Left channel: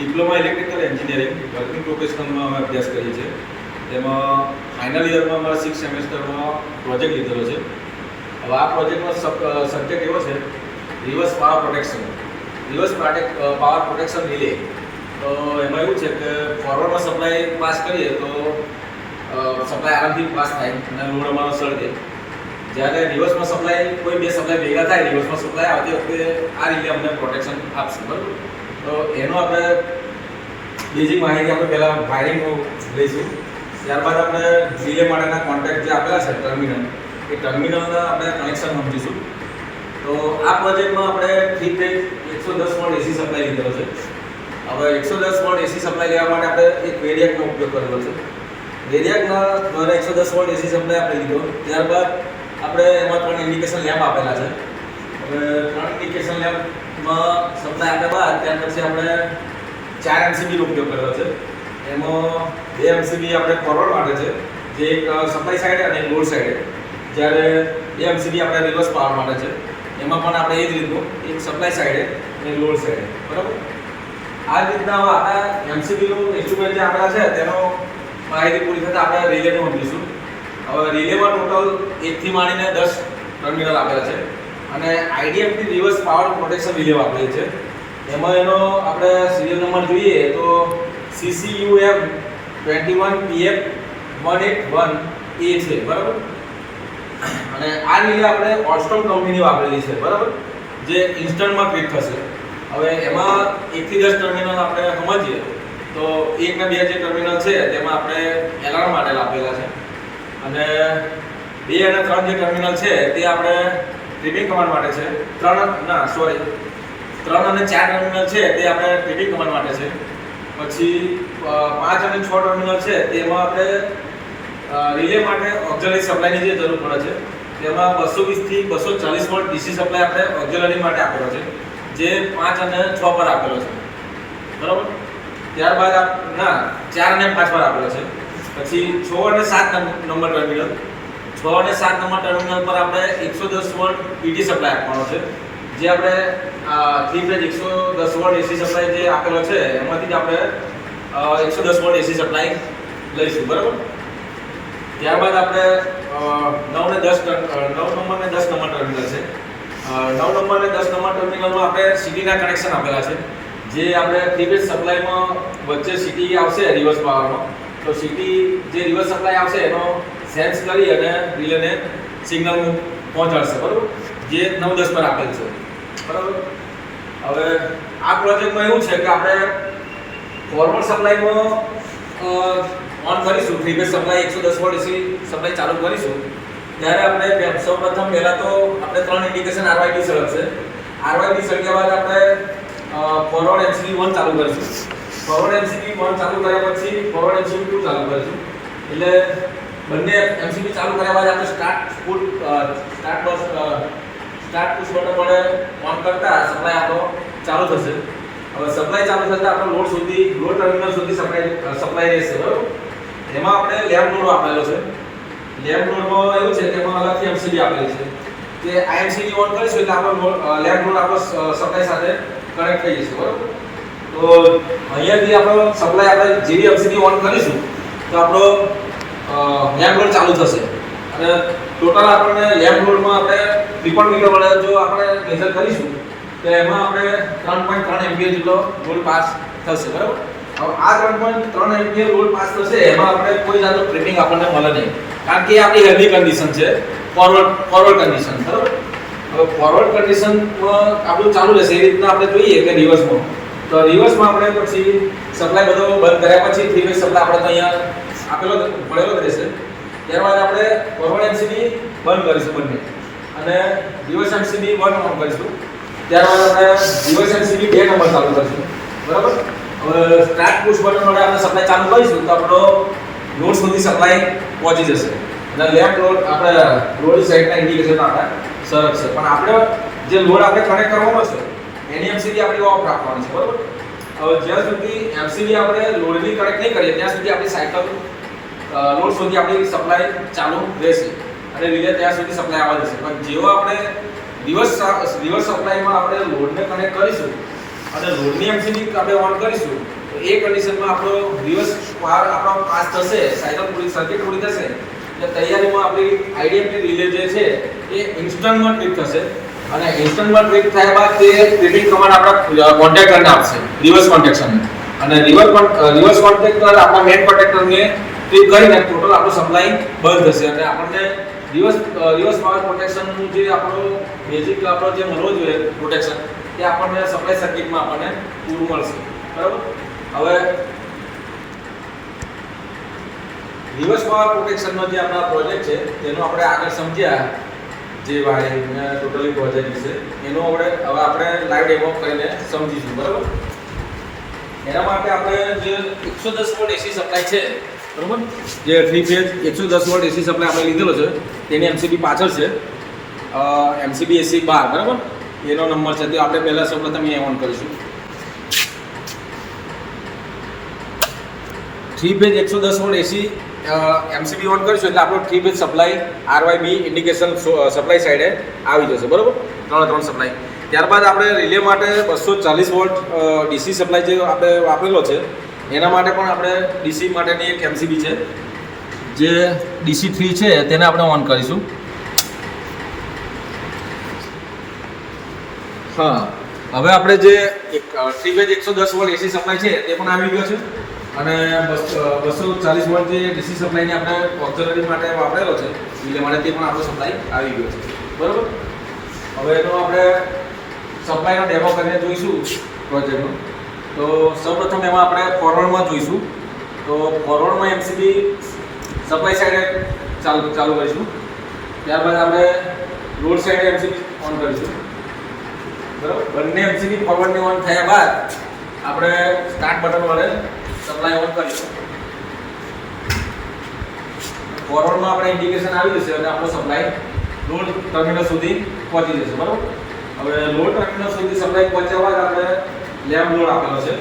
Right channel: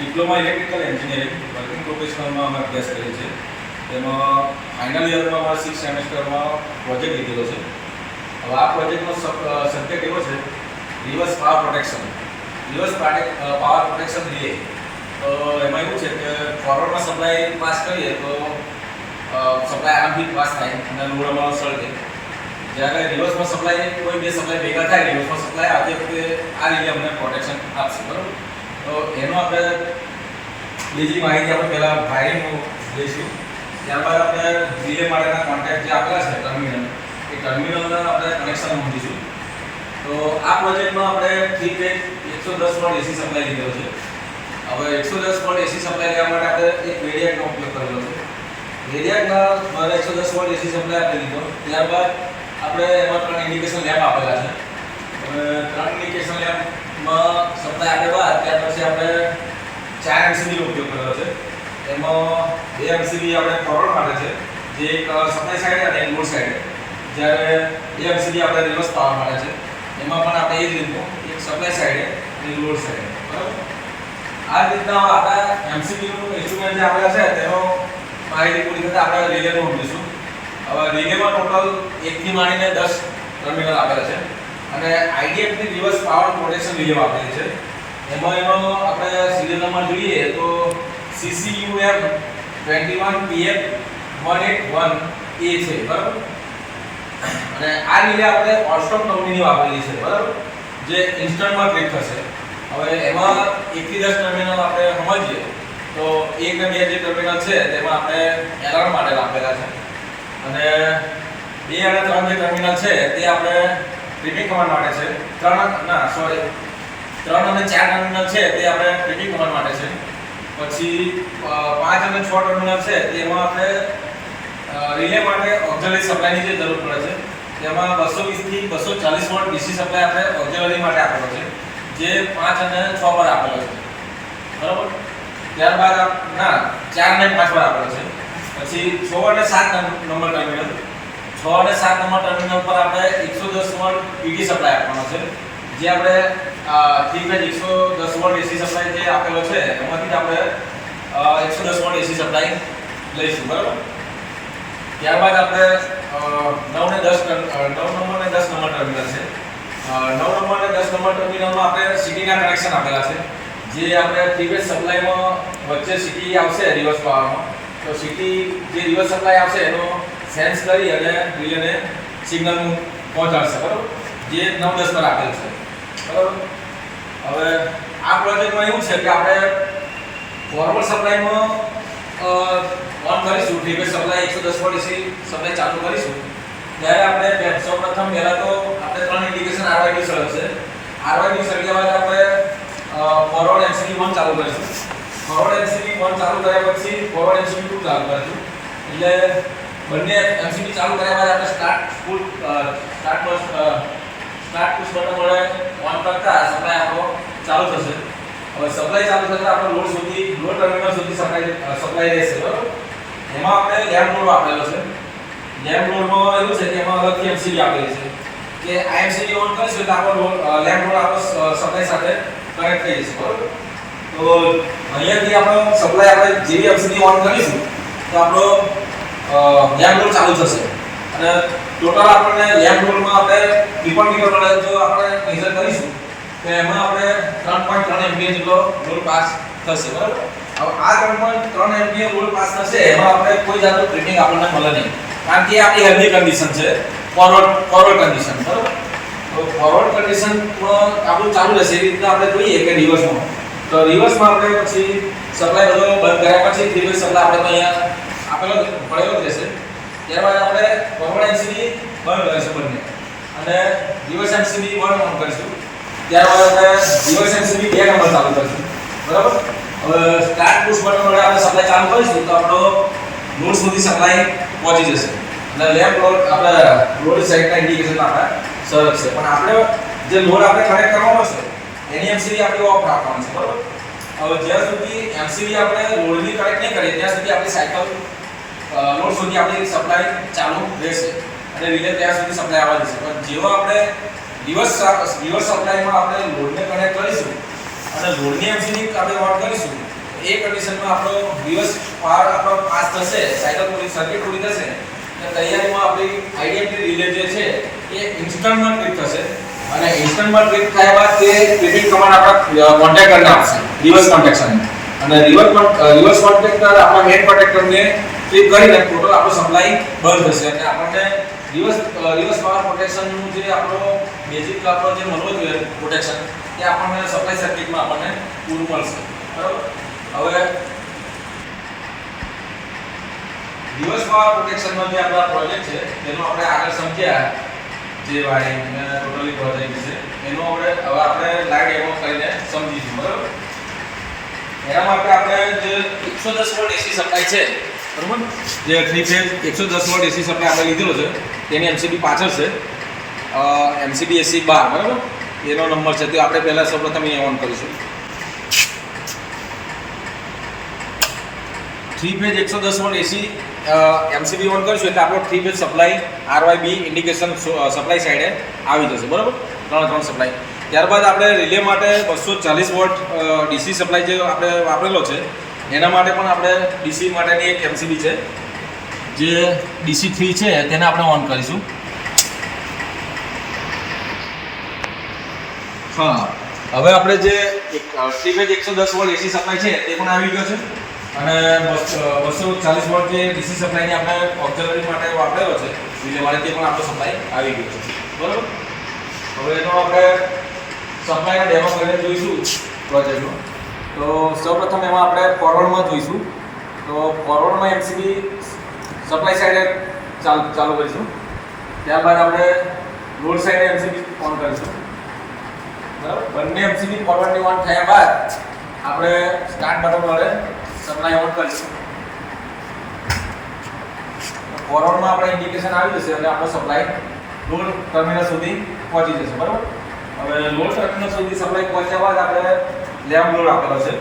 Diploma electrical engineering working પ્રોફેશનલમાં અમે અભ્યાસ કરી છે. એમાં ફાઇનલ યરમાં અમારા 6 સેમેસ્ટરમાં પ્રોજેક્ટ લીધેલો છે. હવે આ પ્રોજેક્ટનો સબ્જેક્ટ એવો છે reverse power protection. Reverse power protection relay. તો એમાં એવું છે કે ફોરવર્ડમાં સપ્લાય પાસ કરીએ તો સપ્લાય આરામથી પાસ થાય અને લોડ અમારો સળગે. જ્યારે રિવર્સમાં સપ્લાય કોઈ બે સપ્લાય ભેગા થાય રિવર્સમાં સપ્લાય આવતી વખતે આ રીતે અમને પ્રોટેક્શન આપશે, બરાબર. તો એનો આપણે બેઝિક માહિતી આપણે પહેલાં વાયરિંગનું લઈશું. ત્યારબાદ આપણે રિલે માટેના કોન્ટેક્ટ જે આપેલા છે ટર્મિનલ, એ ટર્મિનલના આપણે કનેક્શન સમજીશું. તો આ પ્રોજેક્ટમાં આપણે 3 ફેઝ 110 વોલ્ટ એસી સપ્લાય લીધેલો છે. હવે 110 વોલ્ટ એસી સપ્લાય લેવા માટે આપણે એક વેરિએકનો ઉપયોગ કરેલો છે. વેરિએકના દ્વારા 110 વોલ્ટ એસી સપ્લાય આપણે લીધો. ત્યારબાદ આપણે એમાં 3 ઇન્ડિકેશન લેમ્પ આપેલા છે. હવે 3 ઇન્ડિકેશન લેમ્પમાં સપ્લાય આપ્યા બાદ ત્યાર પછી આપણે 4 એમસીબીનો ઉપયોગ કર્યો છે. એમાં 2 એમસીબી આપણે ફોરવર્ડ માટે છે, જે એક સપ્લાય સાઈડ અને લોડ સાઈડ. જ્યારે 2 એમસીબી આપણે રિવર્સ પાવર માટે છે. એમાં પણ આપણે એ જ રીતનું એક સપ્લાય સાઈડ અને લોડ સાઈડ, બરાબર. આ જ રીતના આપણા એમસીબીનું ઇન્સ્ટ્રુમેન્ટ જે આપેલા છે તેનો માહિતી પૂરી થતાં આપણે રિલેનું સમજીશું. હવે રિલેમાં ટોટલ 1 થી માંડીને 10 ટર્મિનલ આપેલા છે અને આઈડીએફની રિવર્સ પાવર પ્રોટેક્શન રિલે આપેલી છે. એમાં એનો આપણે સિરિયલ નંબર જોઈએ તો CCUM 21PF181A છે, બરાબર. અને આ રિલે આપણે ઓલસ્ટોમ કંપનીની વાપરેલી છે, બરાબર, જે ઇન્સ્ટન્ટમાં ટ્રેક થશે. હવે એમાં 1 થી 10 ટર્મિનલ આપણે સમજીએ તો 1 ને 2 જે ટર્મિનલ છે તેમાં આપણે એલાર્મ માટે આપેલા છે અને 2 અને 3 જે ટર્મિનલ છે તે આપણે ટ્રિપિંગ કમાન્ડ માટે છે. 3 અને 4 ટર્મિનલ છે તે આપણે ટ્રિપિંગ કમાન્ડ માટે છે. પછી 5 અને 6 ટર્મિનલ છે તેમાં આપણે રિલે માટે ઓક્ઝિલરી સપ્લાયની જે જરૂર પડે છે. તેમાં 220 થી 240 વોલ્ટ ડીસી સપ્લાય આપણે ઓક્ઝિલરી માટે આપેલો છે, જે 5 અને 6 પર આપેલો છે, બરાબર. ત્યારબાદ 4 અને 5 પર આપેલો છે. પછી 6 અને 7 નંબર ટર્મિનલ, 6 અને 7 નંબર ટર્મિનલ પર આપણે 110 વોલ્ટ પીટી સપ્લાય આપવાનો છે. જે આપણે 3 ફેઝ 110 વોલ્ટ એસી સપ્લાય જે આપેલો છે એમાંથી જ આપણે 110 વોલ્ટ એસી સપ્લાય લઈશું, બરાબર. ત્યારબાદ આપણે 9 અને 10 નંબર અને 10 નંબર ટર્મિનલ છે. 9 નંબર અને 10 નંબર ટર્મિનલમાં આપણે સીટીના કનેક્શન આપેલા છે. જે આપણે 3 ફેઝ સપ્લાયમાં વચ્ચે સીટી આવશે રિવર્સ પાવરમાં, તો સીટી જે રિવર્સ સપ્લાય આવશે એનો સેન્સ કરી અને રિલેને સિગ્નલ પહોંચાડશે, બરાબર, જે 9-10 પર આપેલ છે, બરાબર. હવે આ પ્રોજેક્ટમાં એવું છે કે આપણે ફોરવર્ડ સપ્લાયમાં ઓન કરીશું, 3 phase supply 110 volt AC supply ચાલુ કરીશું ત્યારે આપણે સૌપ્રથમ પહેલા તો આપણે 3 ઇન્ડિકેશન આરવાયડી સળગશે. આરવાયડી સળગ્યા બાદ આપણે ફોરવર્ડ એમસીબી 1 ચાલુ કરીશું. ફોરવર્ડ એમસીબી 1 ચાલુ કર્યા પછી ફોરવર્ડ એમસીબી 2 ચાલુ કરીશું. એટલે બંને એમસીબી ચાલુ કર્યા બાદ આપણે સ્ટાર્ટ પુશ બટન વડે ઓન કરતા સપ્લાય આપણો ચાલુ થશે. હવે સપ્લાય ચાલુ થતા આપણો લોડ ટર્મિનલ સુધી સપ્લાય રહેશે, બરાબર. એમાં આપણે લેમ્પ લોડ આપેલો છે. લેમ્પ લોડમાં એવું છે કે એમાં અલગથી એમસીબી આપેલી છે કે આ એમસીબી ઓન કરીશું એટલે આપણો લેમ્પ લોડ આપણો સપ્લાય સાથે કનેક્ટ થઈ જશે, બરાબર. તો અહીંયાથી આપણો સપ્લાય આપણે જેવી એમસીબી ઓન કરીશું તો આપણો લેમ્પ લોડ ચાલુ થશે અને ટોટલ આપણને લેમ્પ લોડમાં આપણે ત્રિકોણ મીટર વડે જો આપણે મેઝર કરીશું તો એમાં આપણે 3.3 એમ્પિયર જેટલો લોડ પાસ થશે, બરાબર. હવે આ 3.3 એમ્પિયર લોડ પાસ થશે એમાં આપણે કોઈ જાતનું ટ્રેડિંગ આપણને મળે નહીં, કારણ કે આપણી હેલ્ધી કન્ડિશન છે, ફોરવર્ડ કન્ડિશન, બરાબર. હવે ફોરવર્ડ કન્ડિશનમાં આપણું ચાલુ રહેશે. એ રીતના આપણે જોઈએ કે રિવર્સમાં આપણે પછી સપ્લાય બધો બંધ કર્યા પછી 3 ફેઝ સપ્લાય આપણે તો અહીંયા પડેલો જ રહેશે. ત્યારબાદ આપણે ફોરવર્ડ એમસીબી બંધ કરીશું બંને અને રિવર્સ એમસીબી 1 ઓન કરીશું. ત્યારબાદ આપણે રિવર્સ એમસીબી 2 નંબર ચાલુ કરીશું, બરાબર. હવે સ્ટાર્ટ પુશ બટન વડે આપણે સપ્લાય ચાલુ કરીશું તો આપણો લોડ સુધી સપ્લાય પહોંચી જશે અને લેફ્ટ લોડ આપણે લોડ સાઈડના ઇન્ડિકેશન આપણે સરકશે. પણ આપણે જે લોડ આપણે કનેક્ટ કરવાનો છે એની એમસીબી આપણે ઓફ રાખવાની છે, બરાબર. હવે જ્યાં સુધી એમસીબી આપણે લોડની કનેક્ટ નહીં કરીએ ત્યાં સુધી આપણી સાયકલ લોડ સુધી આપણી સપ્લાય ચાલુ રહેશે અને રિલે ત્યાં સુધી સપ્લાય આવવા જશે. પણ જેવો આપણે રિવર્સ સપ્લાયમાં આપણે લોડને કનેક્ટ કરીશું અને લોડની એમસીબી આપણે ઓન કરીશું તો એ કન્ડિશનમાં આપણો રિવર્સ પાવર આપણો પાસ થશે, સાયકલ પૂરી સર્કિટ પૂરી થશે એટલે તૈયારીમાં આપણી આઈડીએફટી રિલે જે છે એ ઇન્સ્ટન્ટમાં ટ્રિપ થશે અને ઇન્સ્ટન્ટમાં ટ્રિપ થયા બાદ તે ટ્રિપિંગ કમાન્ડ આપણા કોન્ટેક્ટરને આપશે, રિવર્સ કોન્ટેક્શન અને રિવર્સ કોન્ટેક્ટર આપણા મેઇન કોન્ટેક્ટરને ટ્રિપ કરીને ટોટલ આપણો સપ્લાય બંધ થશે અને આપણને રિવર્સ પાવર પ્રોટેક્શનનું જે આપણો બેઝિક આપણો જે મળવો જોઈએ પ્રોટેક્શન તે આપણને સપ્લાય સર્કિટમાં આપણને પૂરું મળશે. બરાબર. હવે રિવર્સ પાવર પ્રોટેક્શનનો જે આપણા પ્રોજેક્ટ છે તેનો આપણે આગળ સમજ્યા જે વાયરિંગ ટોટલી પ્રોજેક્ટ છે એનો હવે આપણે લાઈવ ડેમો કરીને સમજીશું. બરાબર. એના માટે આપણે જે 110 વોલ્ટ એસી સપ્લાય છે બરાબર, જે 3 ફેઝ 110 વોલ્ટ એસી સપ્લાય આપણે લીધેલો છે તેની એમસીબી પાછળ છે, એમસીબી એસી 12 બરાબર એનો નંબર છે તે આપણે પહેલા સૌપ્રથમ એ ઓન કરીશું. 3 phase 110 volt AC MCB on કરીશું એટલે આપણો 3 ફેઝ સપ્લાય આરવાયબી ઇન્ડિકેશન સપ્લાય સાઈડે આવી જશે. બરાબર, ત્રણ સપ્લાય. ત્યારબાદ આપણે રિલે માટે 240 વોલ્ટ ડીસી સપ્લાય જે આપણે વાપરેલો છે એના માટે પણ આપણે ડીસી માટેની એક એમસીબી છે જે ડીસી 3 છે તેને આપણે ઓન કરીશું. હા, હવે આપણે જે 3 ફેઝ 110 વોલ્ટ એસી સપ્લાય છે તે પણ આવી ગયો છે અને 240 વોલ્ટ જે ડીસી સપ્લાયની આપણે ઓક્સિલરી માટે વાપરેલો છે રિલે માટે તે પણ આપણો સપ્લાય આવી ગયો છે. બરાબર. હવે એનો આપણે સપ્લાયનો ડેમો કરીને જોઈશું પ્રોજેક્ટનો. તો સૌપ્રથમ એમાં આપણે ફોરવર્ડમાં જોઈશું. તો ફોરવર્ડમાં એમસીબી સપ્લાય સાઈડે ચાલુ કરીશું. ત્યારબાદ આપણે લોડ સાઈડે એમસીબી ઓન કરીશું. બરાબર. બંને એમસીબી ફોરવર્ડની ઓન થયા બાદ આપણે સ્ટાર્ટ બટન વડે સપ્લાય ઓન કરીશું. ફોરવર્ડમાં આપણે ઇન્ડિકેશન આવી જશે અને આપણો સપ્લાય લોડ ટર્મિનલ સુધી પહોંચી જશે. બરાબર. હવે લોડ ટર્મિનલ સુધી સપ્લાય પહોંચ્યા બાદ આપણે લેમ્પ લોડ આપેલો છે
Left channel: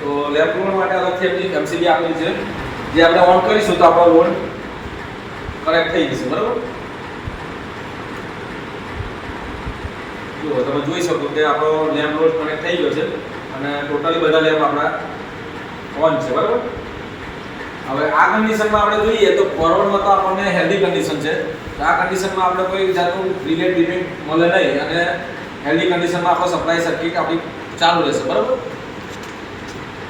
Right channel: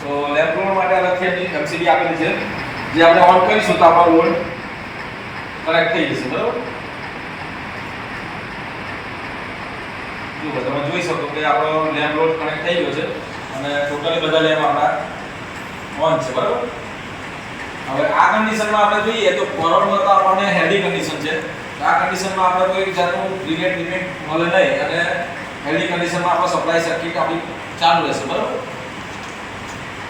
તો લેમ્પ લોડ માટે અલગથી એમસીબી આપેલી છે જે આપણે ઓન કરીશું તો આપણો લોડ કનેક્ટ થઈ જશે. બરાબર. જો તમે જોઈ શકો કે આપણો લેમ્પ લોડ કનેક્ટ થઈ ગયો છે અને ટોટલી બધા લેમ્પ આપણા ઓન છે. બરાબર. હવે આ કન્ડિશનમાં આપણે જોઈએ તો ફોરવર્ડમાં તો આપણને હેલ્ધી કન્ડિશન છે. આ કન્ડિશનમાં આપણે કોઈ જાતનું રિલે લિમિટ મળે નહીં અને હેલ્ધી કન્ડિશનમાં આપણો સપ્લાય સર્કિટ આપણી ચાલુ રહેશે. બરાબર.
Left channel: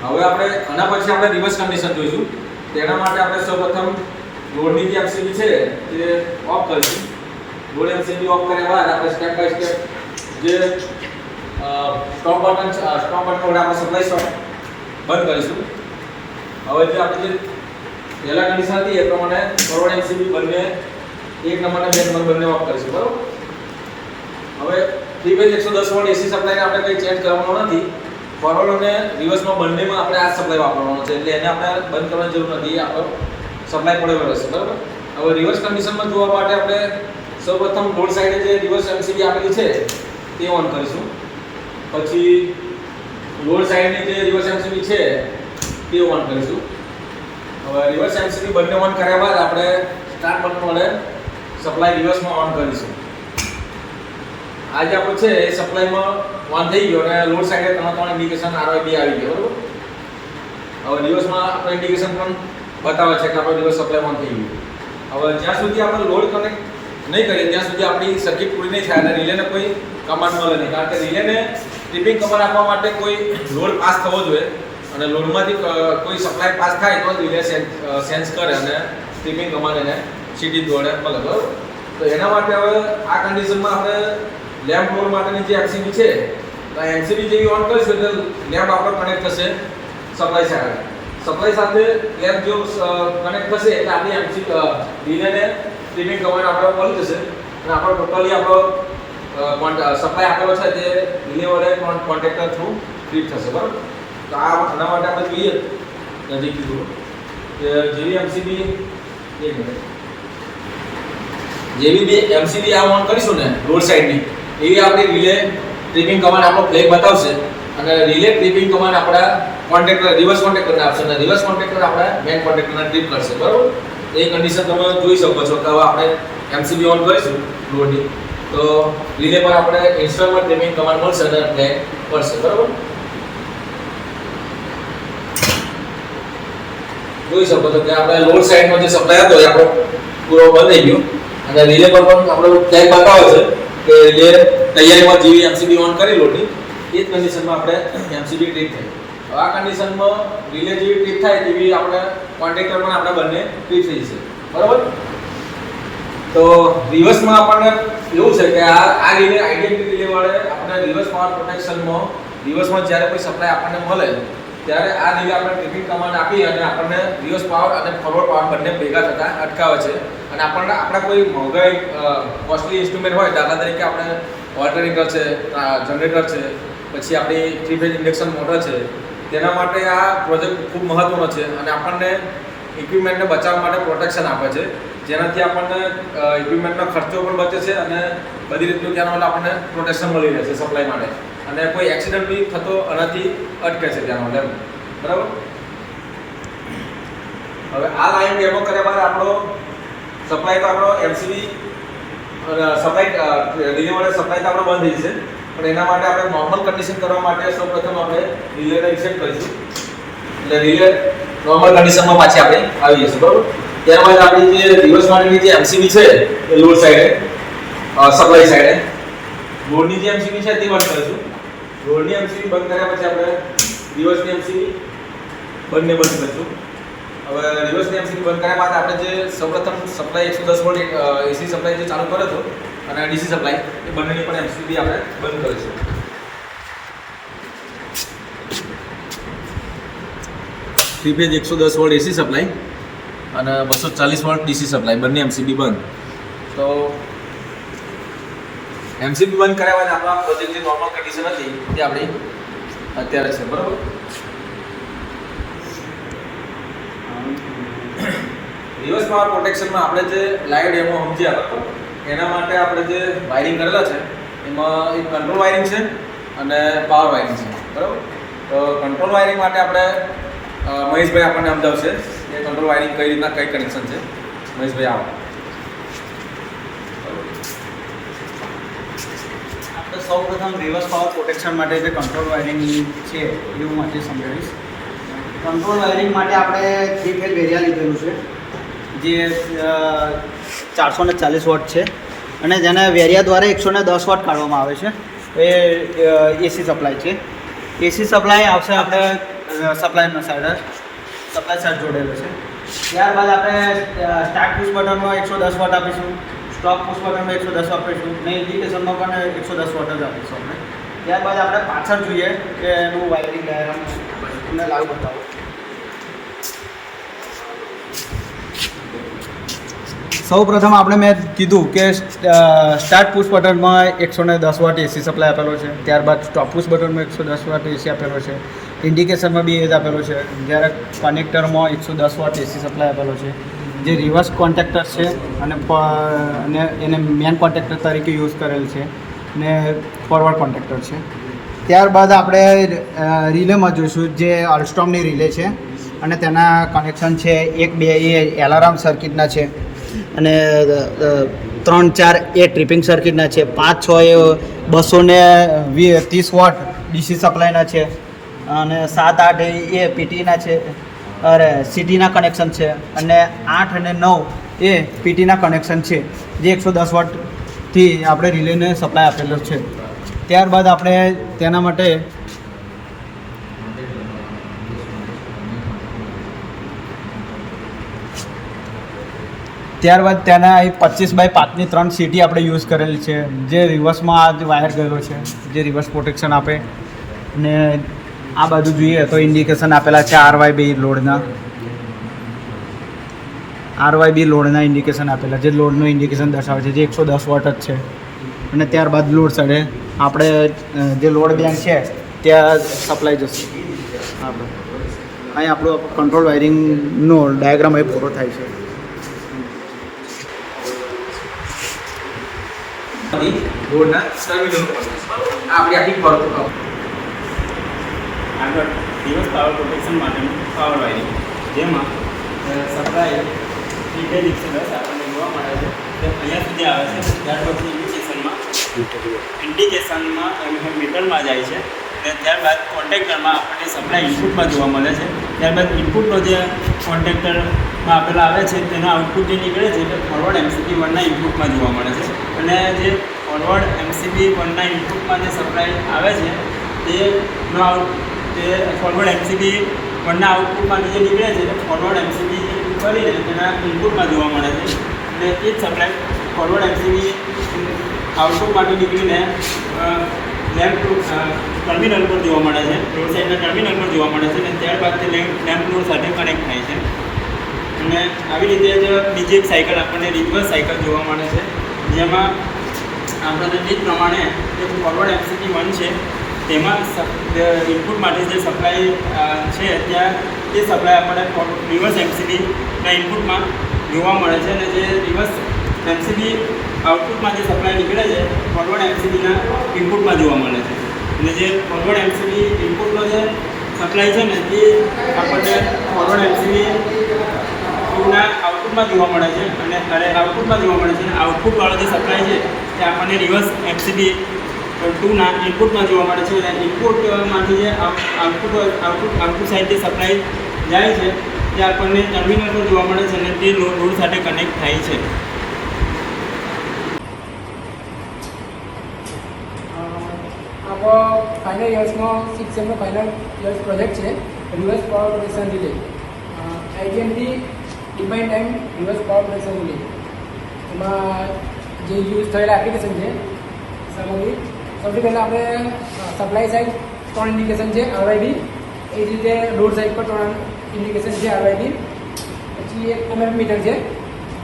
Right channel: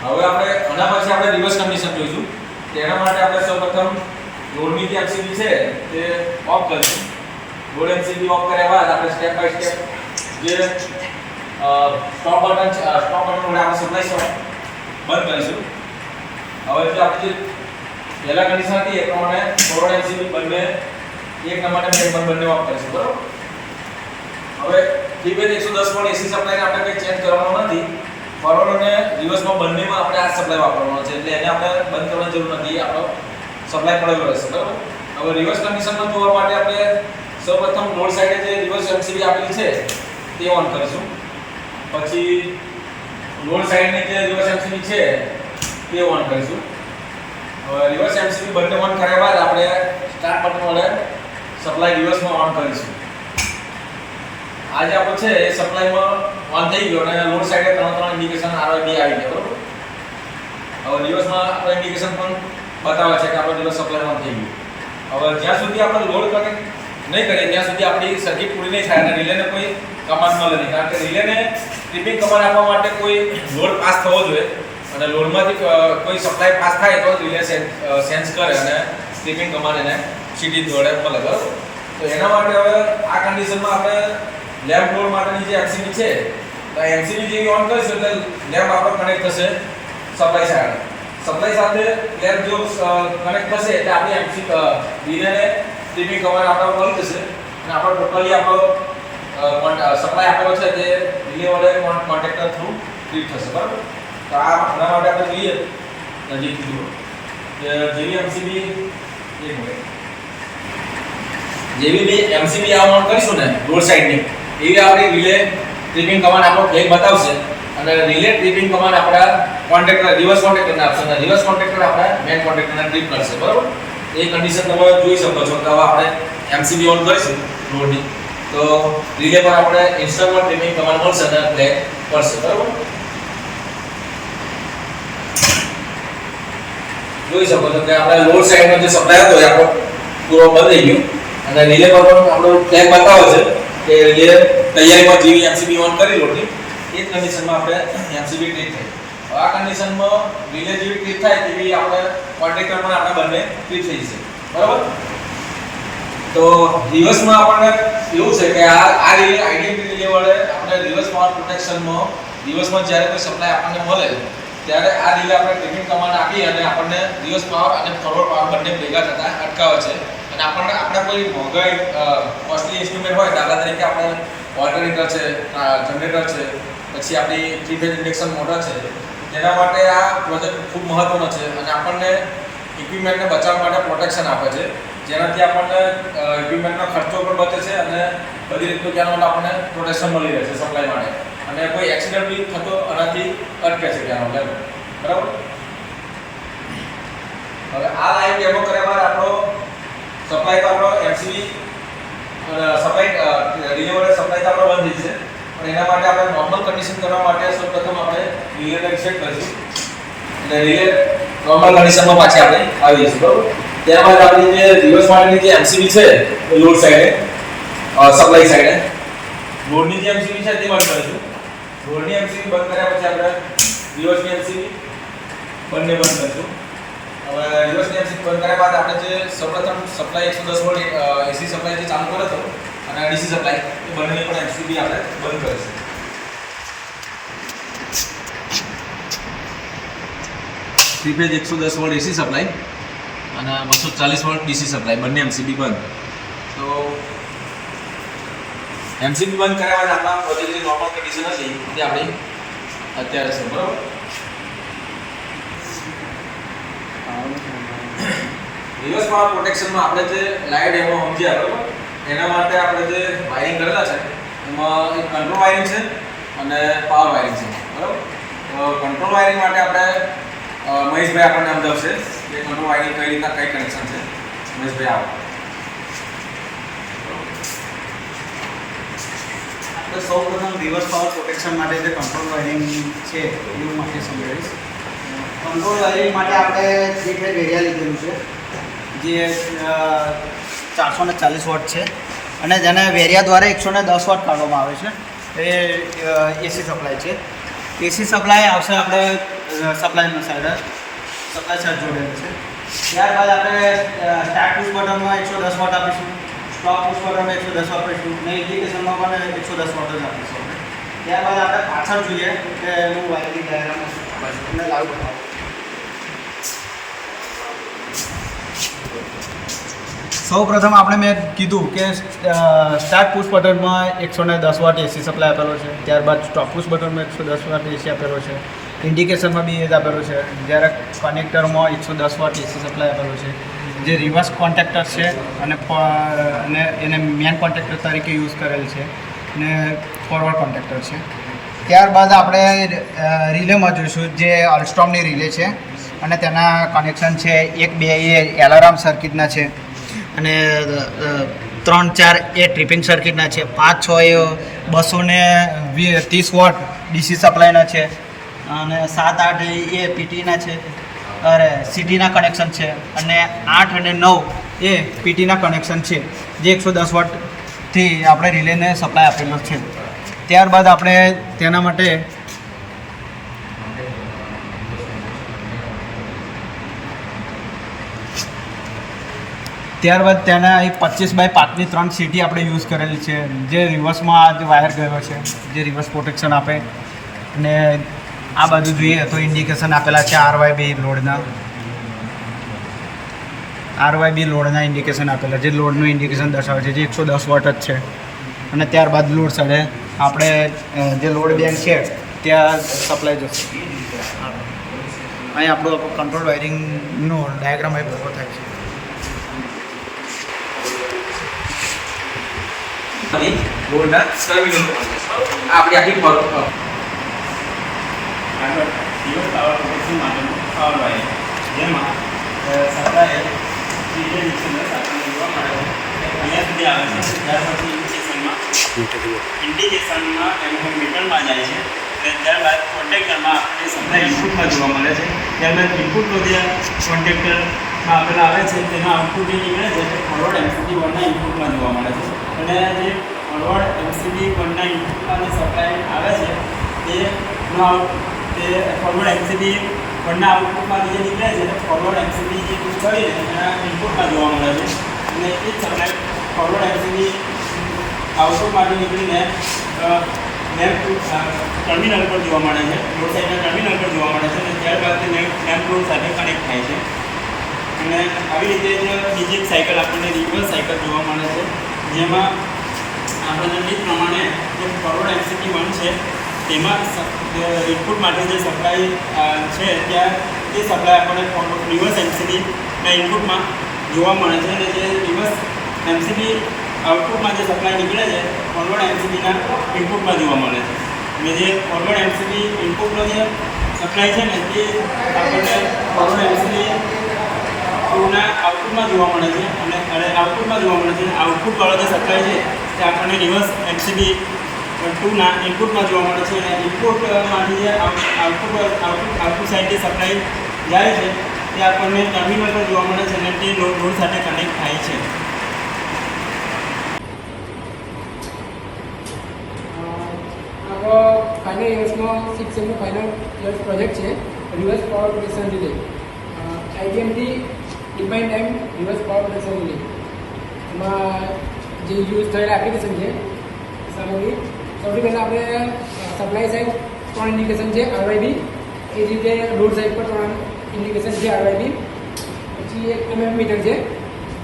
હવે આપણે આના પછી આપણે રિવર્સ કન્ડિશન જોઈશું. તેના માટે આપણે સૌપ્રથમ લોડની જે એમસીબી છે તે ઓફ કરીશું. લોડ એમસીબી ઓફ કર્યા બાદ આપણે સ્ટેપ બાય સ્ટેપ જે સ્ટોપ બટન વડે આપણે સપ્લાય સ્ટોપ બંધ કરીશું. હવે જે આપણી જે પહેલા કન્ડિશન હતી એ પ્રમાણે ફોરવર્ડ એમસીબી બંને 1 નંબર અને 2 નંબર બંને ઓફ કરીશું. બરાબર. હવે 3 ફેઝ 110 વોલ્ટ એસી સપ્લાયને આપણે કંઈ ચેન્જ કરવાનો નથી. ફોરવર્ડ અને રિવર્સમાં બંનેમાં આપણે આ સપ્લાય વાપરવાનો છે એટલે એને આપણે બંધ કરવાની જરૂર નથી. આપણો સપ્લાય પડેલો રહેશે. બરાબર. હવે રિવર્સ કન્ડિશનમાં જોવા માટે આપણે સૌપ્રથમ લોડ સાઈડે જે રિવર્સ એમસીબી આપેલી છે તે ઓન કરીશું. પછી લોડ સાઈડની જે રિવર્સ એમસીબી છે તે ઓન કરીશું. હવે રિવર્સ એમસીબી બંને ઓન કર્યા બાદ આપણે સ્ટાર્ટ બટન વડે સપ્લાય રિવર્સમાં ઓન કરીશું. આ જે આપણો છે એ સપ્લાયમાં ઓન થઈ ગયો અને લોડ સાઈડે ત્રણ ઇન્ડિકેશન આરવાયબી આવી ગયો. બરાબર. હવે રિવર્સમાં આપણો ઇન્ડિકેશન પણ બતાવે છે કે આપણો રિવર્સ સપ્લાય ઓન થઈ ગયો. હવે જ્યાં સુધી આપણે લોડ કનેક્ટ નહીં કરીએ ત્યાં સુધી આપણી સર્કિટ પૂરી નહીં થાય અને રિલેને કોઈ કમાન્ડ મળે નહીં, કારણ કે રિલેને ટ્રિપિંગ કમાન્ડ આપવા માટે કોઈ લોડ પાસ થવો જોઈએ અને લોડમાંથી કોઈ સપ્લાય પાસ થાય તો રિલે સેન્સ કરે અને ટ્રિપિંગ કમાન્ડ એને સીટી દોડે મળે. બરાબર. તો એના માટે હવે આ કન્ડિશનમાં આપણે લેમ્પ લોડ માટેની જે એમસીબી છે તો એમસીબી જેવી ઓન કરીશું એટલે લેમ્પ આપણો કનેક્ટ થશે સપ્લાય સાથે. સપ્લાય સાથે લેમ્પ જો કનેક્ટ થશે એટલે આપણી એમસીબી રિલેને ટ્રિપિંગ કમાન્ડ આપણો મળી જશે અને આપણો ટોટલી આપણો સપ્લાય આપેલો છે તે રિલે વડે કોન્ટેક્ટર થ્રુ ટ્રીપ થશે. બરાબર. તો આના માટે આપણે જોઈએ નજીકથી જુઓ કે જેવી એમસીબી એમસીબી આ ઓન કરીશું ને લોડ સાઈડની એવી આપણી રિલે ટ્રિપિંગ કમાન્ડ આપણો ફ્લેગ બતાવશે અને રિલે ટ્રિપિંગ કમાન્ડ આપણા કોન્ટેક્ટર રિવર્સ કોન્ટેક્ટરને આપશે અને રિવર્સ કોન્ટેક્ટર આપણા મેઇન કોન્ટેક્ટરને ટ્રિપ કરશે. બરાબર. એ કન્ડિશન તમે જોઈ શકો છો કે હવે આપણે એમસીબી ઓન કરીશું લોડની તો રિલે પર આપણે ઇન્સ્ટોલમેન્ટ ટ્રિપિંગ કમાન્ડ મળશે અને ફ્લેગ પડશે. બરાબર. જોઈ શકો છો કે આપણે લોડ સાઈડનો જે સપ્લાય હતો એ આપણો પૂરો બંધ થઈ ગયો અને રિલે પર પણ આપણો ફ્લેગ બતાવે છે કે રિલે તૈયારીમાં જેવી એમસીબી ઓન કરી લોડની એ જ કન્ડિશનમાં આપણે એમસીબી ટ્રીપ થઈ. હવે આ કન્ડિશનમાં રિલે જેવી ટ્રીપ થાય તેવી આપણે કોન્ટ્રાક્ટર પણ આપણે બંને ટ્રીપ થઈ જશે, બરાબર. તો રિવર્સમાં આપણને એવું છે કે આ રિલે આઈડીએમટી રિલે વડે આપણે રિવર્સ પાવર પ્રોટેક્શનમાં રિવર્સમાં જ્યારે કોઈ સપ્લાય આપણને મળે ત્યારે આ રિલે આપણે ટ્રિપિંગ કમાન્ડ આપી અને આપણને રિવર્સ પાવર અને ફોરવર્ડ પાવર બંને ભેગા થતા અટકાવે છે. અને આપણે કોઈ મોંઘાઈ કોસ્ટલી ઇન્સ્ટ્રુમેન્ટ હોય, દાખલા તરીકે આપણે વોટર હીટર છે, જનરેટર છે, પછી આપણી 3 ફેઝ ઇન્ડક્શન મોટર છે, તેના માટે આ પ્રોજેક્ટ ખૂબ મહત્વનો છે અને આપણને ઇક્વિપમેન્ટને બચાવવા માટે પ્રોટેક્શન આપે છે, જેનાથી આપણને ઇક્વિપમેન્ટનો ખર્ચો પણ બચે છે અને બધી રીતનું ત્યાંના આપણને પ્રોટેક્શન મળી રહે છે સપ્લાય માટે અને કોઈ એક્સિડન્ટ બી થતો આનાથી અટકે છે ત્યાંનો, બરાબર. હવે આ લાઈન ડેમો કર્યા બાદ આપણો સપ્લાય તો આપણો એમસીબી સપ્લાય રિલે વડે સપ્લાય તો આપણો બંધ થઈ જશે, પણ એના માટે આપણે નોર્મલ કન્ડિશન કરવા માટે સૌપ્રથમ આપણે રિલેને રીસેટ કરીશું. એટલે રિલે નોર્મલ કન્ડિશનમાં પાછી આપણે આવી જશે, બરાબર. ત્યારબાદ આપણી જે રિવર્સ માટેની જે એમસીબી છે એ લોડ સાઈડે સપ્લાય સાઈડે લોડની જે એમસીબી છે તે બંધ કરીશું. લોડની એમસીબી બંધ કર્યા પછી આપણે રિવર્સની એમસીબી બંને બંધ કરીશું. હવે રિવર્સની એમસીબી બંધ કર્યા બાદ આપણે જે સૌપ્રથમ સપ્લાય 110 વોલ્ટ એસી સપ્લાય જે ચાલુ કર્યો હતો અને ડીસી સપ્લાય એ બંનેની પણ એમસીબી આપણે બંધ કરીશું. 3 ફેઝ 110 વોલ્ટ એસી સપ્લાય અને 240 વોલ્ટ ડીસી સપ્લાય બંને એમસીબી બંધ. તો એમસીબી બંધ કર્યા બાદ આપણા પ્રોજેક્ટ જે નોર્મલ કન્ડિશન હતી તે આપણી અત્યારે છે, બરાબર. રિવર્સ પાવર પ્રોટેક્શનમાં આપણે જે લાઈવ ડેમો સમજ્યા, બરાબર, એના માટે આપણે જે વાયરિંગ કરેલા છે એમાં એક કંટ્રોલ વાયરિંગ છે અને પાવર વાયરિંગ છે, બરાબર. તો કંટ્રોલ વાયરિંગ માટે આપણે મહેશભાઈ આપણને સમજાવશે કે કંટ્રોલ વાયરિંગ કઈ રીતના કઈ કનેક્શન છે. મહેશભાઈ આવો. આપણે સૌપ્રથમ રિવર્સ પાવર પ્રોટેક્શન માટે જે કંટ્રોલ વાયરિંગ છે એ હું માટે સમજાવીશ. કંટ્રોલ વાયરિંગ માટે આપણે 3 ફેઝ વેરિયા લીધેલું છે જે 440 વોટ છે અને જેને વેરિયા દ્વારા 110 વોટ કાઢવામાં આવે છે. એ એસી સપ્લાય છે. એસી સપ્લાય આવશે આપણે સપ્લાયના સાઈડ જોડેલું છે. ત્યારબાદ આપણે સ્ટાર્ટ પુશ બટનમાં 110 વોટ આપીશું, સ્ટોપ પુશ બટનમાં 110 આપીશું ને ઇન્ડિકેશનમાં પણ 110 વોટ જ આપીશું આપણે. ત્યારબાદ આપણે પાછળ જોઈએ કે એનું વાયરિંગ ડાયાગ્રામ તમને લાઈવ બતાવું. સૌ પ્રથમ આપણે મેં કીધું કે સ્ટાર્ટ પુશ બટનમાં 110 વોટ એસી સપ્લાય આપેલો છે. ત્યારબાદ સ્ટોપ પુશ બટનમાં 110 વોટ એસી આપેલો છે. ઇન્ડિકેશનમાં બી એ જ આપેલું છે. જ્યારે કનેક્ટરમાં 110 વોટ એસી સપ્લાય આપેલો છે. જે રિવર્સ કોન્ટેક્ટર છે અને એને મેન કોન્ટેક્ટર તરીકે યુઝ કરેલ છે ને ફોરવર્ડ કોન્ટેક્ટર છે. ત્યારબાદ આપણે રિલેમાં જોઈશું જે અલ્સ્ટોમની રિલે છે અને તેના કનેક્શન છે 1-2 એ એલાર્મ સર્કિટના છે અને 3-4 એ ટ્રિપિંગ સર્કિટના છે, 5-6 એ 230 વોટ ડીસી સપ્લાયના છે અને 7-8 એ પીટીના છે સિટીના કનેક્શન છે અને 8 અને 9 એ પીટીના કનેક્શન છે જે 110 વોટથી આપણે રિલેને સપ્લાય આપેલો છે. ત્યારબાદ આપણે તેના માટે તેના 25x5ની 3 સીટી આપણે યુઝ કરેલી છે જે રિવર્સમાં આ વાયર ગયેલો છે જે રિવર્સ પ્રોટેક્શન આપે. અને આ બાજુ જોઈએ તો ઇન્ડિકેશન આપેલા છે RYB લોડના ઇન્ડિકેશન આપેલા જે લોડનું ઇન્ડિકેશન દર્શાવે છે જે 110 વોટ જ છે. અને ત્યારબાદ લોડ સાઈડે આપણે જે લોડ બેંક છે ત્યાં સપ્લાય જશે. અહીં આપણું કંટ્રોલ વાયરિંગનો ડાયાગ્રામ અહીં પૂરો થાય છે. લોડના ટર્મિનલ આપણી આખી પર આગળ રિવર્સ પાવર પ્રોટેક્શન માટેનું પાવર વાયરિંગ જેમાં સપ્લાય ઇન્ડિકેશનમાં આપણને જોવા મળે છે કે અહીંયા સુધી આવે છે. ત્યાર પછી ઇન્ડિકેશનમાં એમ મીટરમાં જાય છે અને ત્યારબાદ કોન્ટેક્ટરમાં આપણને સપ્લાય ઇનપુટમાં જોવા મળે છે ત્યારબાદ ઇનપુટનો જે કોન્ટેક્ટરમાં આપેલા આવે છે તેના આઉટપુટ જે નીકળે છે તે ફોરવર્ડ એમસીબી 1ના ઇનપુટમાં જોવા મળે છે. અને જે ફોરવર્ડ એમસીબી 1ના ઇનપુટમાં જે સપ્લાય આવે છે તે ફોરવર્ડ એમસીબી 1ના આઉટપુટમાંથી જે નીકળે છે તે ફોરવર્ડ એમસીબી જે પુશ કરીને તેના ઇનપુટમાં જોવા મળે છે. અને એ જ સપ્લાય ફોરવર્ડ એમસીબી આઉટપુટમાંથી નીકળીને લેમ્પ ટર્મિનલ પર જોવા મળે છે, રોડ સાઈડના ટર્મિનલ પર જોવા મળે છે. અને ત્યારબાદ તે લેમ્પ લોડ સાથે કનેક્ટ થાય છે. અને આવી રીતે જ બીજી એક સાયકલ આપણને રિવર્સ સાયકલ જોવા મળે છે, જેમાં આપણને તે જ પ્રમાણે જે ફોરવર્ડ એમસીબી 1 છે તેમાં ઇનપુટમાંથી જે સપ્લાય છે ત્યાં તે સપ્લાય આપણને રિવર્સ એમસીબીના ઇનપુટમાં જોવા મળે છે. અને જે રિવર્સ એમસીબી આઉટપુટમાં જે સપ્લાય નીકળે છે ફોરવર્ડ એમસીબીના ઇનપુટમાં જોવા મળે છે. અને જે ફોરવર્ડ એમસીબી ઇનપુટનો જે સપ્લાય છે ને તે આપણને ફોરવર્ડ એમસીબી 2ના આઉટપુટમાં જોવા મળે છે. અને આઉટપુટમાં જોવા મળે છે. અને આઉટપુટવાળો જે સપ્લાય છે તે આપણને રિવર્સ એમસીબી 2ના ઇનપુટમાં જોવા મળે છે. અને ઇનપુટમાંથી જે આઉટપુટ સાઈડ જે સપ્લાય જાય છે તે આપણને ટર્મિનલ પર જોવા મળે છે અને તે લોડ સાથે કનેક્ટ થાય છે. આપણો ફાઇનલ યર્સનો 6 સેમનો ફાઇનલ યર્સ પ્રોજેક્ટ છે reverse power production relay. LGMT define time reverse power production relay. એમાં જે યુઝ થયેલા એપ્લિકેશન છે સામગ્રી, સૌથી પહેલાં આપણે સપ્લાય સાઈડ 3 ઇન્ડિકેશન છે આરવાયડી, એ રીતે લોડ સાઈડ પર 3 ઇન્ડિકેશન છે આરવાયડી. પછી એક MM મીટર છે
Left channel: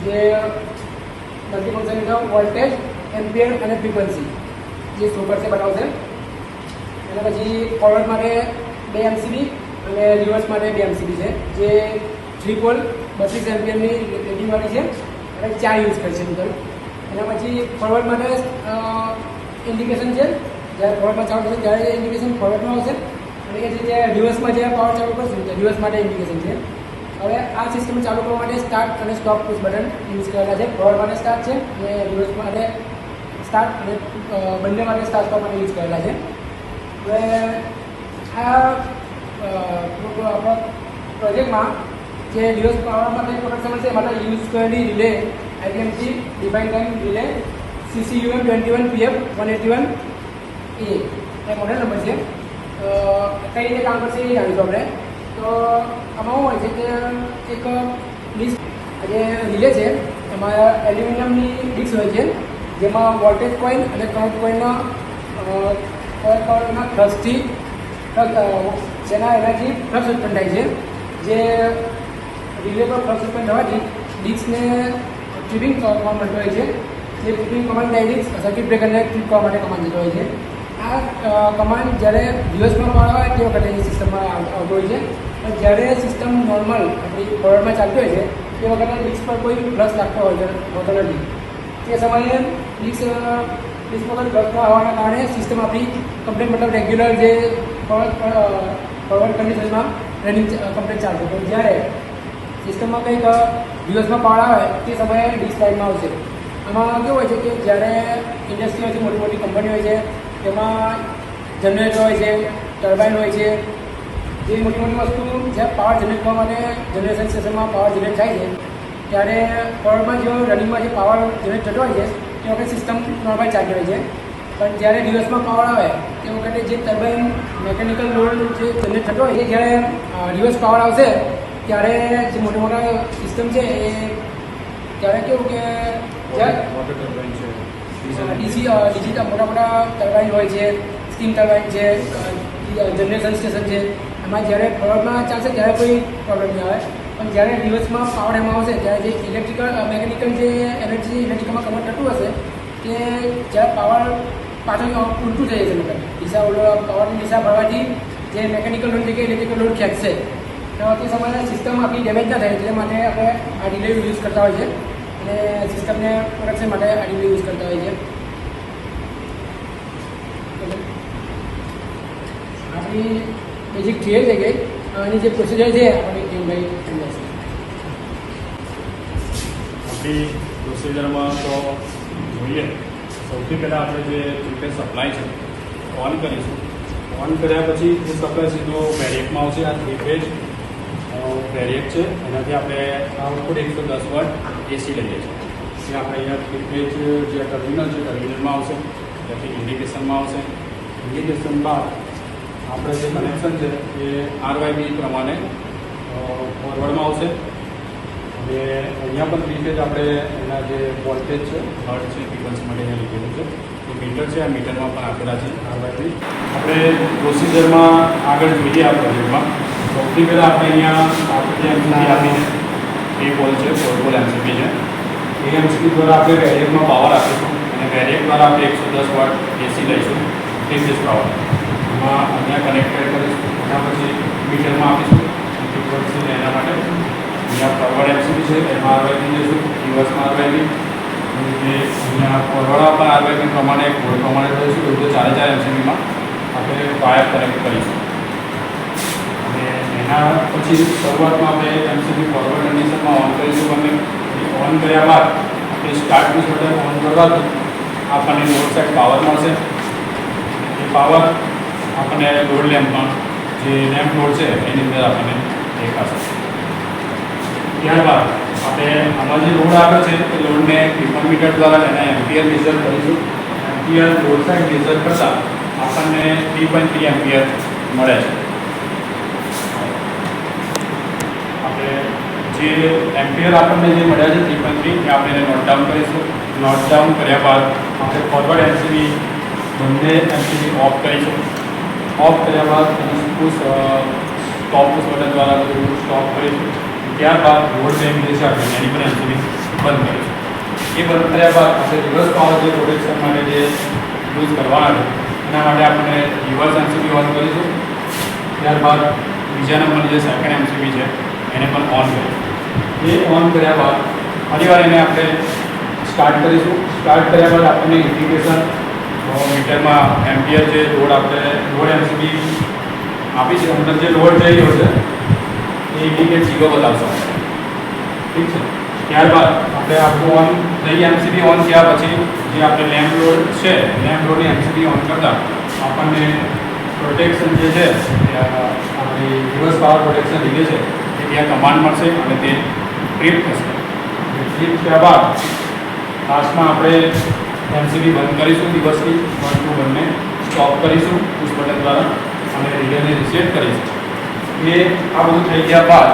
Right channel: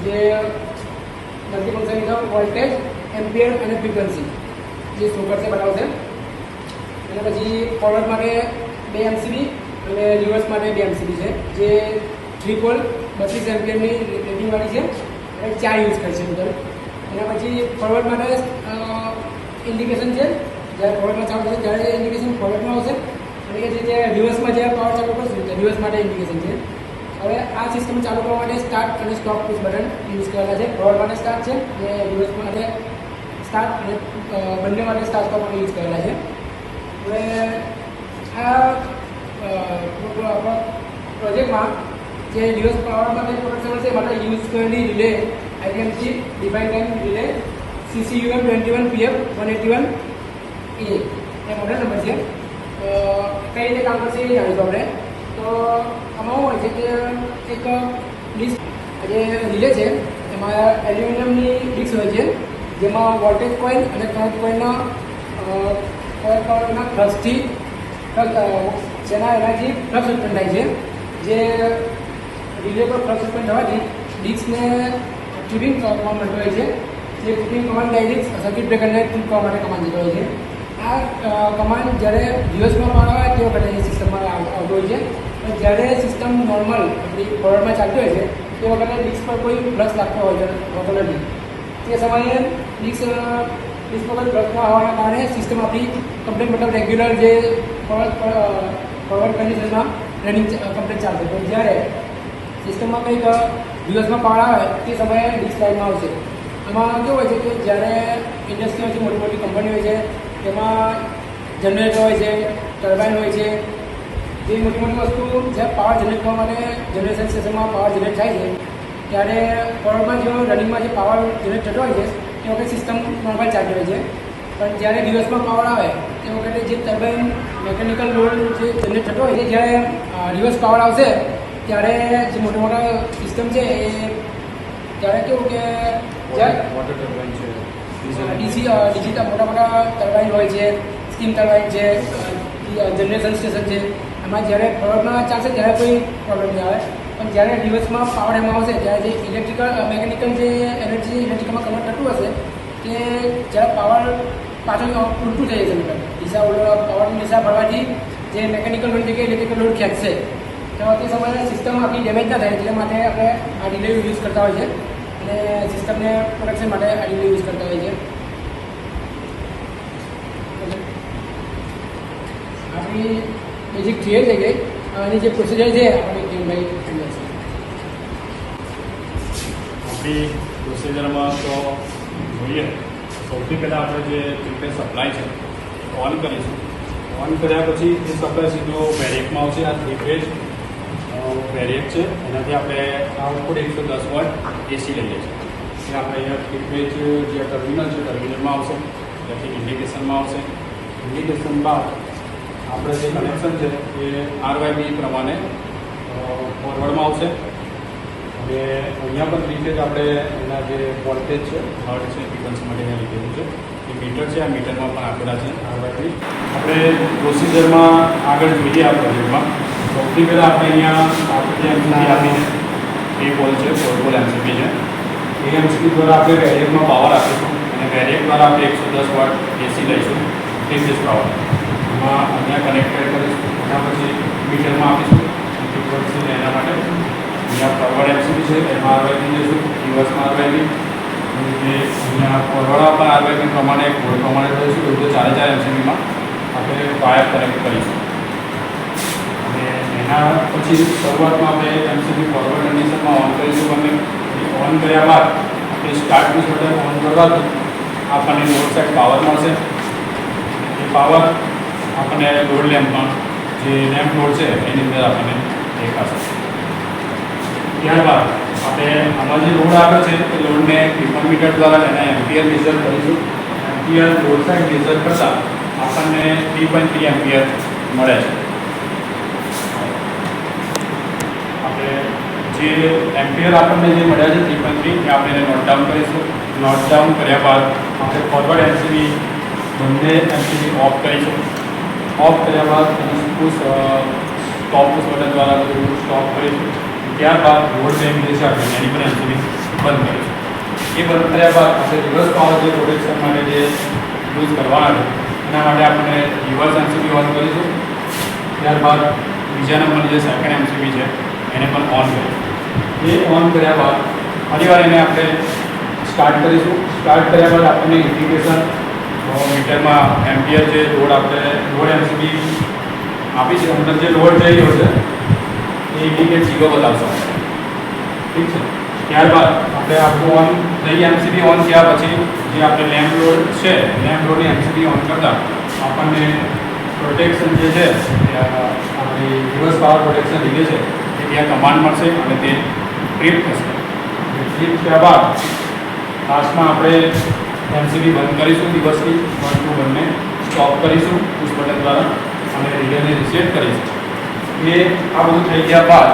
જે મલ્ટીફંક્શન વોલ્ટેજ, એમ્પિયર અને ફ્રીક્વન્સી જે શો કરશે બતાવશે. અને પછી ફોરવર્ડ માટે 2 MCB અને રિવર્સ માટે 2 MCB છે જે 3 પોલ 32 એમ્પિયરની રેટિંગવાળી છે અને 4 યુઝ કરશે ટોટલ. અને પછી ફોરવર્ડ માટે ઇન્ડિકેશન છે, જ્યારે ફોરવર્ડમાં ચાલુ થશે ત્યારે ઇન્ડિકેશન ફોરવર્ડમાં આવશે. અને એ રીતે રિવર્સમાં જ્યારે પાવર ચાલુ કરશે રિવર્સ માટે ઇન્ડિકેશન છે. હવે આ સિસ્ટમ ચાલુ કરવા માટે સ્ટાર્ટ અને સ્ટોપ પુશ બટન યુઝ કરેલા છે. ફોરવર્ડ માટે સ્ટાર્ટ છે અને રિવર્સ માટે સ્ટાર્ટ અને બંને માટે સ્ટાર્ટ કરવા માટે યુઝ કરેલા છે. હવે આ પ્રોજેક્ટમાં જે રિવર્સ પાવર માટે પ્રોડક્શન છે માટે યુઝ કરેલી relay IDMT define time relay CCUM 21PF 181A એ મોડેલ નંબર છે. કઈ રીતે કામ કરશે એ જાણીશું આપણે. તો આમાં શું હોય છે કે એક ડિસ્ક જે રિલે છે એમાં એલ્યુમિનિયમની ડિસ્ક હોય છે જેમાં વોલ્ટેજ કોઇલ અને કરંટ કોઇલના ફ્લક્સથી એનાથી ફ્લક્સ ઉત્પન્ન થાય છે. જે રિલે પર ફ્લક્સ ઉત્પન્ન થવાથી ડિસ્કને ટ્રિપિંગ કરવા મળતો હોય છે. જે ટ્રિપિંગ કમાન્ડ ડાયરેક્ટ સર્કિટ બ્રેકરને ટ્રીપ કરવા માટે કમાન્ડ દીધો હોય છે. આ કમાન્ડ જ્યારે રિવર્સમાં પાવર આવે તે વખતે એ સિસ્ટમમાં આવતો હોય છે. પણ જ્યારે સિસ્ટમ નોર્મલ આપણી ફોરવર્ડમાં ચાલતી હોય છે તે વખતે ડિસ્ક પર કોઈ ફ્લક્સ લાગતો હોતો નથી. તે સમયે ડિસ્કમાં કોઈ ફ્લક્સ આવવાના કારણે સિસ્ટમ આપણી કમ્પ્લેટ મતલબ રેગ્યુલર જે ફોરવર્ડ કન્ડિશનમાં રનિંગ કમ્પ્લેટ ચાલશે. તો જ્યારે સિસ્ટમમાં કંઈક રિવર્સમાં પાવર આવે તે સમયે ડિસ્ક લાઇનમાં આવશે. આમાં કેવું હોય છે કે જ્યારે ઇન્ડસ્ટ્રી હોય છે, મોટી મોટી કંપની હોય છે, તેમાં જનરેટર હોય છે, ટર્બાઇન હોય છે, જે મોટી મોટી વસ્તુ જ્યાં પાવર જનરેટ કરવા માટે જનરેશન સ્ટેશનમાં પાવર જનરેટ થાય છે ત્યારે ફોરવર્ડમાં જો રનિંગમાં જે પાવર જનરેટ થતો હોય છે એ વખતે સિસ્ટમ નોર્મલ ચાલતી હોય છે. પણ જ્યારે રિવર્સમાં પાવર આવે એ વખતે જે ટર્બાઇન મેકેનિકલ લોડ જે જનરેટ થતો હોય છે જ્યારે રિવર્સ પાવર આવશે ત્યારે જે મોટા મોટા સિસ્ટમ છે એ ત્યારે કેવું કે વોટર ટર્બાઇન છે, ડિજિટલ મોટા મોટા ટર્બાઇન હોય છે, સ્ટીમ ટર્બાઇન છે, જનરેશન સ્ટેશન છે. એમાં જ્યારે ફોરવર્ડમાં ચાલશે ત્યારે કોઈ પ્રોબ્લેમ નહીં આવે. પણ જ્યારે રિવર્સમાં પાવર એમાં આવશે ત્યારે જે મેકેનિકલ જે એનર્જી ઇલેક્ટ્રિકલમાં કન્વર્ટ થતું હશે તે જ્યારે પાવર પાછળ ઉલટું થઈ જશે. પાવરની દિશા ભરવાથી જે મેકેનિકલ લોડ જગ્યાએ ઇલેક્ટ્રિકલ લોડ ખેંચશે તો તે સમયે સિસ્ટમ આપણી ડેમેજ ના થાય એટલે માટે આપણે આ રિલે યુઝ કરતા હોય છે અને સિસ્ટમને પ્રોડક્શન માટે આ રિલે યુઝ કરતા હોય છે. આપણી બેઝિક ક્લિયર થઈ ગઈ. આની જે પ્રોસિજર છે આપણે કેમભાઈ સમજાવશે. આપણી પ્રોસિજરમાં તો જોઈએ સૌથી પહેલાં આપણે જે પ્રિપેર સપ્લાય છે ઓન કરીશું. ઓન કર્યા પછી એ સપ્લાય સીધો વેરિએકમાં આવશે. આ 3 ફેઝ વેરિયન્ટ છે એનાથી આપણે આઉટપુટ 110 વોટ એસી લઈએ છીએ. એટલે આપણે અહીંયા ફિટમેજ જે ટર્મિનલ છે ટર્મિનલમાં આવશે, ત્યાંથી ઇન્ડિકેશનમાં આવશે. ઇન્ડિકેશન બાદ આપણે જે કનેક્શન છે એ RYB પ્રમાણે ફોરવર્ડમાં આવશે. અને અહીંયા પણ રીતેજ આપણે એના જે વોલ્ટેજ છે હર્ટ છે ફ્રિકવન્સી માટે અહીંયા લીધેલું છે. જે મીટર છે આ મીટરમાં પણ આપેલા છે RYB. આપણે પ્રોસિજરમાં આગળ જોઈએ આ પ્રોજેક્ટમાં. સૌથી પહેલાં આપણે અહીંયા આપણે MCB આપીને એ પોલ છે 4 પોલ MCB છે. એ MCB દ્વારા આપણે વેરિએકમાં પાવર આપીશું અને વેરિએક દ્વારા આપણે 110 વોટ એસી લઈશું 3 ફેઝ પાવર. એમાં અહીંયા કનેક્ટેડ કરીશું. એના પછી મીટરમાં આપીશું ફ્રિકવન્સી એના માટે. અહીંયા ફોરવર્ડ MCB છે એમાં RYB લઈશું, રિવર્સમાં RYB. જે અહીંયા ફોરવર્ડ પણ RYB પ્રમાણે કોડ પ્રમાણે લઈશું. એ રીતે 4 MCBમાં આપણે વાયર કનેક્ટ કરીશું. અને એના પછી શરૂઆતમાં આપણે MCB ફોરવર્ડ કન્ડિશનમાં ઓન કરીશું. અને ઓન કર્યા બાદ આપણે સ્ટાર્ટ પુશ બટન ઓન કરવાથી આપણને લોડ સાઇડ પાવર મળશે. એ પાવર આપણને લોડ લેમ્પમાં જે લેમ્પ લોડ છે એની અંદર આપણને દેખાશે. ત્યારબાદ આપણે આમાં જે લોડ આવ્યો છે એ લોડને પેપર મીટર દ્વારા એના એમ્પિયર મેઝર કરીશું. એમ્પિયર લોડ સાઇડ મેઝર કરતાં આપણને 3.3 એમ્પિયર મળે છે. આપણે જે એમ્પિયર આપણને જે મળ્યા છે 3.3 એ આપણે એને નોટ ડાઉન કરીશું. નોટ ડાઉન કર્યા બાદ આપણે ફોરવર્ડ MCB બંને MCB ઓફ કરીશું. ઓફ કર્યા બાદ સ્ટોપ પુશ બટન દ્વારા બધું સ્ટોપ કરીશું. ત્યારબાદ લોડ બેંક જે છે આપણે એની પર MCB બંધ કરીશું. એ બંધ કર્યા બાદ આપણે રિવર્સ પાવર જે પ્રોટેક્શન માટે જે યુઝ કરવાના છે એના માટે આપણે રિવર્સ MCB ઓન કરીશું. ત્યારબાદ બીજા નંબરની જે સેકન્ડ MCB છે એને પણ ઓન કરીશું. એ ઓન કર્યા બાદ ફરીવાર એને આપણે સ્ટાર્ટ કરીશું. સ્ટાર્ટ કર્યા બાદ આપણને ઇન્ડિકેશન મીટરમાં એમ્પિયર જે લોડ આપણે લોડ MCB આપી છે અંદર જે લોડ જઈ રહ્યો છે એ ઇન્ડિકેટ 0 બતાવશે. ઠીક છે. ત્યારબાદ આપણે આપણું ઓન થઈ MCB ઓન થયા પછી જે આપણે લેમ્પ લોડ છે લેમ્પ લોડની MCB ઓન કરતાં આપણને પ્રોટેક્શન જે છે આપણી રિવર્સ પાવર પ્રોટેક્શન લીધે છે એ ત્યાં કમાન્ડ મળશે અને તે ટ્રીપ થશે. ટ્રીપ થયા બાદ લાસ્ટમાં આપણે MCB બંધ કરીશું. રિવર્સથી 1 2 બંને સ્ટોપ કરીશું પુશ બટન દ્વારા અને રિલેને રીસેટ કરીશું. એ આ બધું થઈ ગયા બાદ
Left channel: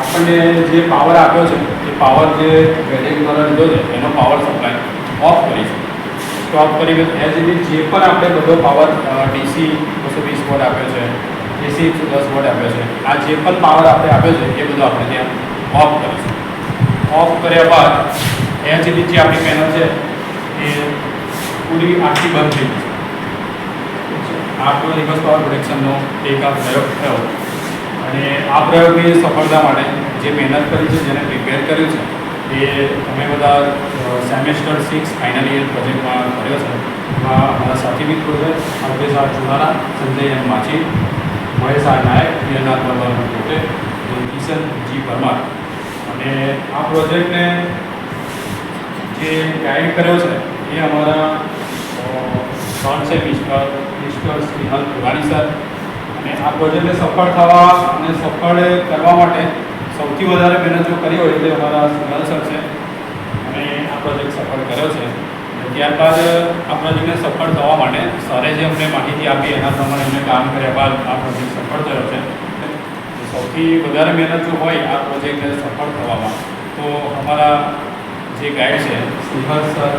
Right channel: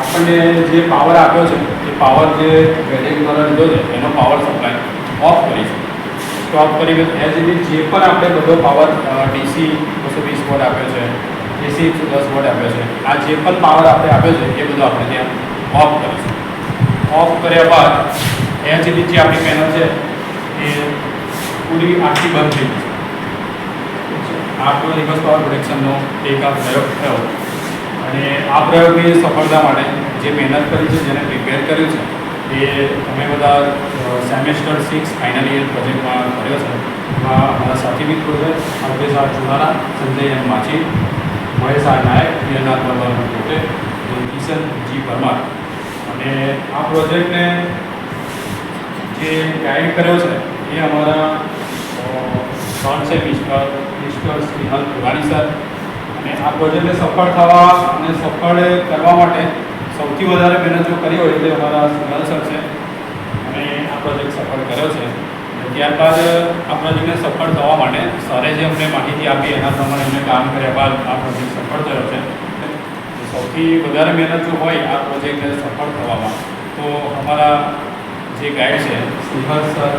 આપણને જે પાવર આપ્યો છે એ પાવર જે વેરિએક દ્વારા લીધો છે એનો પાવર સપ્લાય ઓફ કરીશું. સ્ટોપ કરી એઝ ઇટ જે પણ આપણે બધો પાવર DC 220 વોટ આપ્યો છે, AC 110 વોટ આપ્યો છે, આ જે પણ પાવર આપણે આપ્યો છે એ બધો આપણે ત્યાં ઓફ કરીશું. ઓફ કર્યા બાદ એઝ ઇટ જે આપણી પેનલ છે એ પૂરી આખી બંધ થઈ ગઈ છે. આપણો રિવર્સ પાવર પ્રોટેક્શનનો એક આ પ્રયોગ થયો. અને આ પ્રયોગની સફળતા માટે જે મહેનત કરી છે, જેને પ્રિપેર કર્યું છે એ અમે બધા સેમેસ્ટર 6 ફાઇનલ યર પ્રોજેક્ટમાં કર્યો છે. એમાં અમારા સાથી મિત્રો છે અલ્પેશ આર ચુનારા, સંજય એમ માછી, મહેશ આર નાયક, પ્રિયનાથ પરમાર પોતે, કિશન જી પરમાર. અને આ પ્રોજેક્ટને જે ગાઈડ કર્યો છે એ અમારા સર છે મિસ્ટર સ્નેહલ પુરાણી સર. અને આ પ્રોજેક્ટને સફળ થવા અને સફળ કરવા માટે સૌથી વધારે મહેનત જો કરી હોય તે અમારા સ્નેહલ સર છે. અને આ પ્રોજેક્ટ સફળ કર્યો છે. અને ત્યારબાદ આ પ્રોજેક્ટને સફળ થવા માટે સરે જે અમને માહિતી આપી એના પ્રમાણે અમને કામ કર્યા બાદ આ પ્રોજેક્ટ સફળ થયો છે. સૌથી વધારે મહેનત જો હોય આ પ્રોજેક્ટને સફળ થવામાં તો અમારા જે ગાઈડ છે સ્નેહલ સર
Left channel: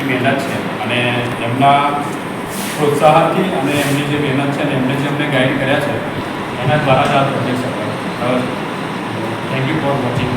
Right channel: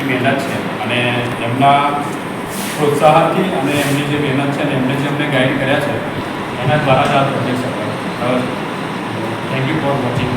એ મહેનત છે. અને એમના પ્રોત્સાહનથી અને એમની જે મહેનત છે અને એમને જે અમને ગાઈડ કર્યા છે એના દ્વારા જ આ પ્રોજેક્ટ સફળ થયો છે. Thank you for watching.